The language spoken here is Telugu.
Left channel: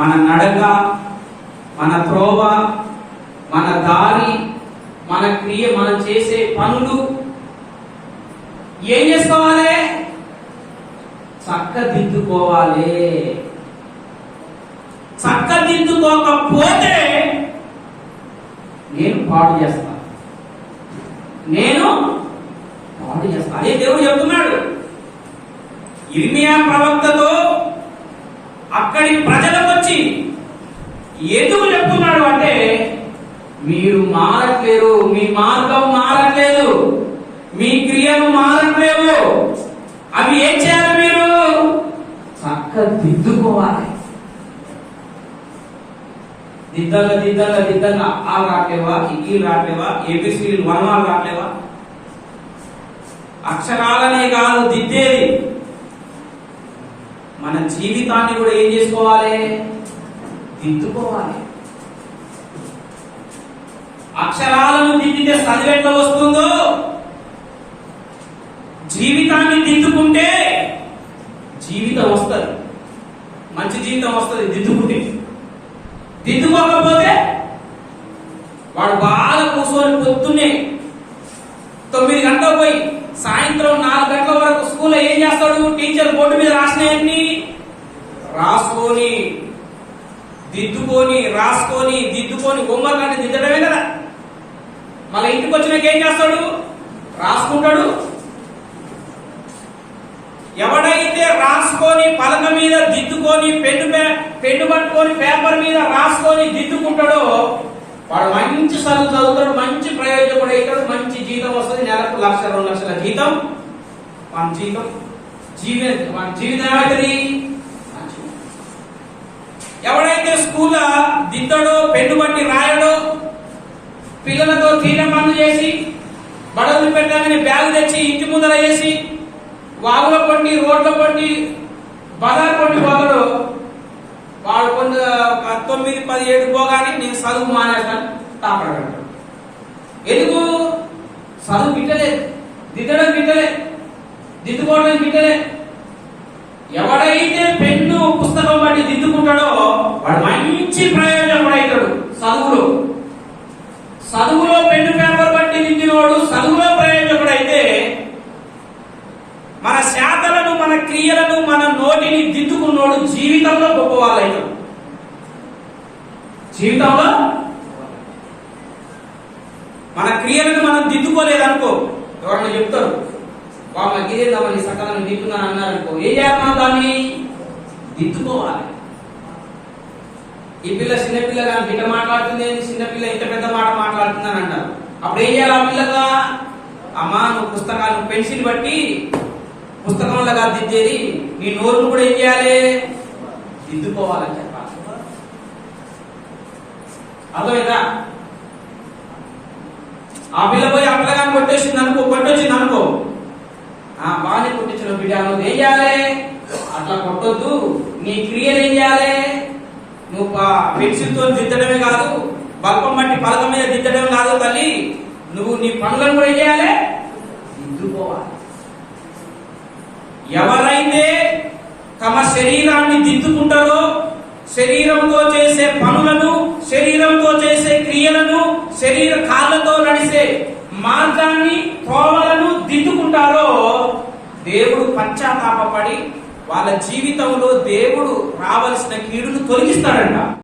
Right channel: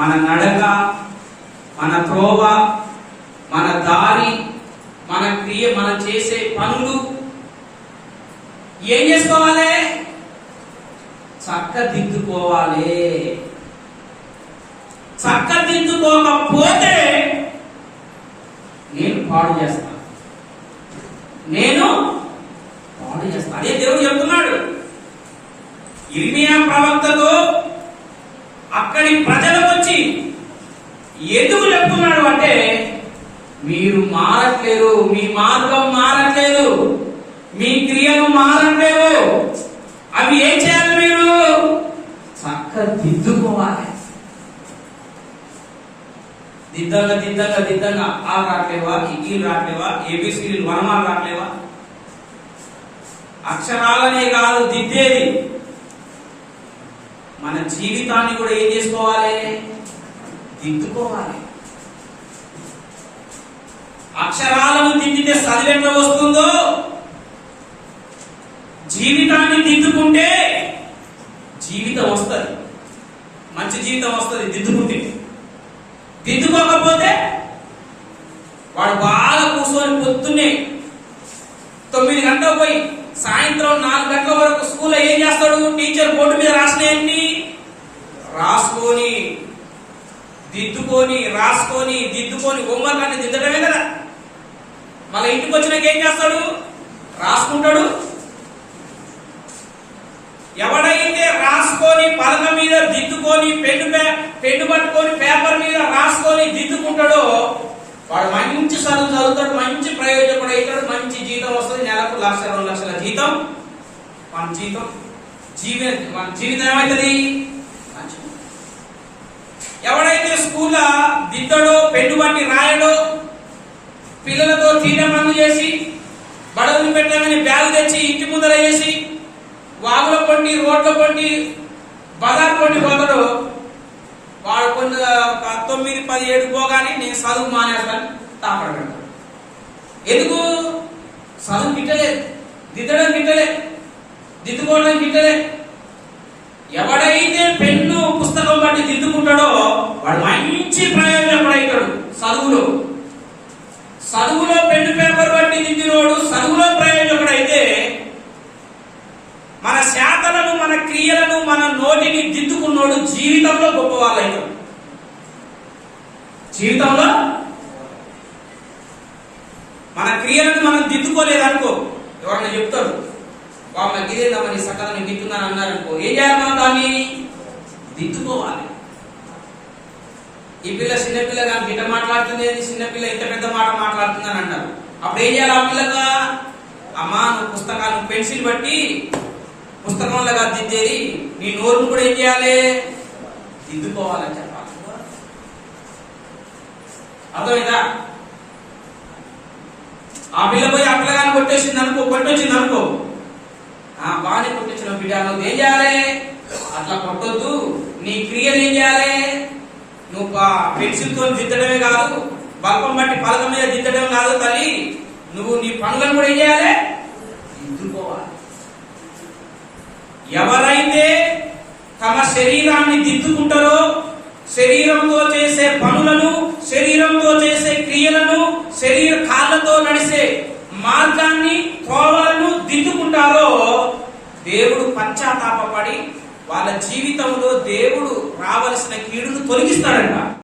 మన నడక మన త్రోవ మన దారి మన క్రియ మనం చేసే పనులు ఏం చేసుకోవాలి? చక్కదిద్దుకోవాలి. చక్కదిద్దుకోకపోతే నేను పాడు చేస్తాను నేను పాడు చేస్తాను అదే దేవుడు చెప్తున్నాడు. ఇర్మియా ప్రవక్తతో అక్కడి ప్రజలకు వచ్చి ఎందుకు చెప్తున్నాడు అంటే మీరు మారట్లేరు మీ మార్గం మారట్లేదు మీ క్రియలు మారట్లేవు. అవి ఏం చేయాలి మీరు? చక్కదిద్దుకోవాలి దిద్దంగా దిద్దంగా దిద్దంగా ఆ రాట్లేవా ఈ రాట్లేవా ఏబిసిడి వనమాలు రాట్లేవా? అక్షరాలనే కాదు దిద్దేది. మన జీవితాన్ని కూడా ఏం చేసుకోవాలి? దిద్దుకోవాలి. అక్షరాలను దిద్దితే చదివెంత వస్తుందో? జీవితాన్ని దిద్దుకుంటే జీవితం వస్తుంది. మంచి జీవితం వస్తుంది దిద్దుకుంటే. దిద్దుకోకపోతే వాడు బాగా కూర్చొని పొద్దున్నే తొమ్మిది గంటలకు పోయి సాయంత్రం నాలుగు గంటల వరకు స్కూల్లో ఏం చేస్తాడు? టీచర్ బోర్డు మీద రాసినాయండి రాసుకొని దిద్దుకొని రాసుకొని దిద్దుకొని హోంవర్క్ అంటే దిద్దడమే కదా. మళ్ళీ ఇంటికి వచ్చినాక ఏం చేస్తాడు? రాసుకుంటాడు. ఎవడైతే రాసుకొని పలక మీద దిద్దుకొని పెన్ను పే- పెన్ను పట్టుకొని పేపర్ మీద రాసుకొని దిద్దుకుంటాడో వాడు మంచి చదువు చదువుతాడు మంచి ప్రయోజకుడు అవుతాడు మంచి జీతం వస్తుంది నెలకు లక్ష రెండు లక్షల జీతం. మన జీతం జీవి మన జీవితం ఏమవుతుంది ఎవడైతే స్కూల్లో దిద్దడో పెన్ను బట్టి రాయడో పిల్లలతో తీర పనులు చేసి బడవలు పెట్టగానే బ్యాగు తెచ్చి ఇంటి ముందర వేసి వాగుల పండి రోడ్ల పండి బజార్ పండి పోతాడు వాడు కొంత ఒక తొమ్మిది పది ఏడు పోగానే నేను చదువు మానేస్తాను తాపడ ఎందుకు? చదువు గిట్టలేదు దిద్దడం గిట్టలేదు దిద్దుకోవడం గిట్టలేదు ఎవడైతే పెన్ను పుస్తకం బట్టి దిద్దుకుంటాడో మంచి ప్రయోజనకుడు అవుతాడు చదువులో. చదువులో పెన్ను పేపర్ బట్టి దిద్దినోడు చదువులో ప్రయోజకుడు అయితే మన శాతలను మన క్రియలను మన నోటిని దిద్దుకున్నోడు జీవితంలో గొప్పవాళ్ళైన జీవితంలో మన క్రియలను మనం దిద్దుకోలేదనుకో ఎవరన్నా చెప్తారు బాబు గిదేందమ్మా నీ సకాలం దిద్దున్నాను అన్నారు అనుకో ఏం చేయాలి మనం దాన్ని? దిద్దుకోవాలి. ఈ పిల్ల చిన్నపిల్ల కానీ బిడ్డ మాట్లాడుతుంది చిన్నపిల్ల ఇంత పెద్ద మాట మాట్లాడుతుందని అంటారు. అప్పుడు ఏం చేయాలి ఆ పిల్లగా? అమ్మా నువ్వు పుస్తకాలు పెన్సిల్ బట్టి పుస్తకంలో కాదు దిద్దేది నీ నోరును కూడా ఏం చేయాలి? దిద్దుకోవాలని చెప్పాలి. అర్థమైందా? ఆ పిల్ల పోయి ఆ పిల్లగాని కొట్టేసింది అనుకో కొట్టొచ్చింది అనుకో. ఆ బాగానే కొట్టించిన బిడ్డ. నువ్వు ఏం చేయాలి? అట్లా కొట్టొద్దు. నీ క్రియలు ఏం చేయాలి? నువ్వు పెన్సిల్తో దిద్దడమే కాదు బల్పం బట్టి పలక మీద దిద్దడం కాదు తల్లి. నువ్వు నీ పనులను కూడా ఏం చేయాలి? దిద్దుకోవాలి. ఎవరైతే తమ శరీరాన్ని దిద్దుకుంటారో శరీరంతో చేసే పనులను శరీరంతో చేసే క్రియలను శరీర కాళ్ళతో నడిసే మార్గాన్ని కోవలను దిద్దుకుంటారో దేవుడు పశ్చాత్తాపడి వాళ్ళ జీవితంలో దేవుడు రావలసిన కీడును తొలగిస్తాడంట.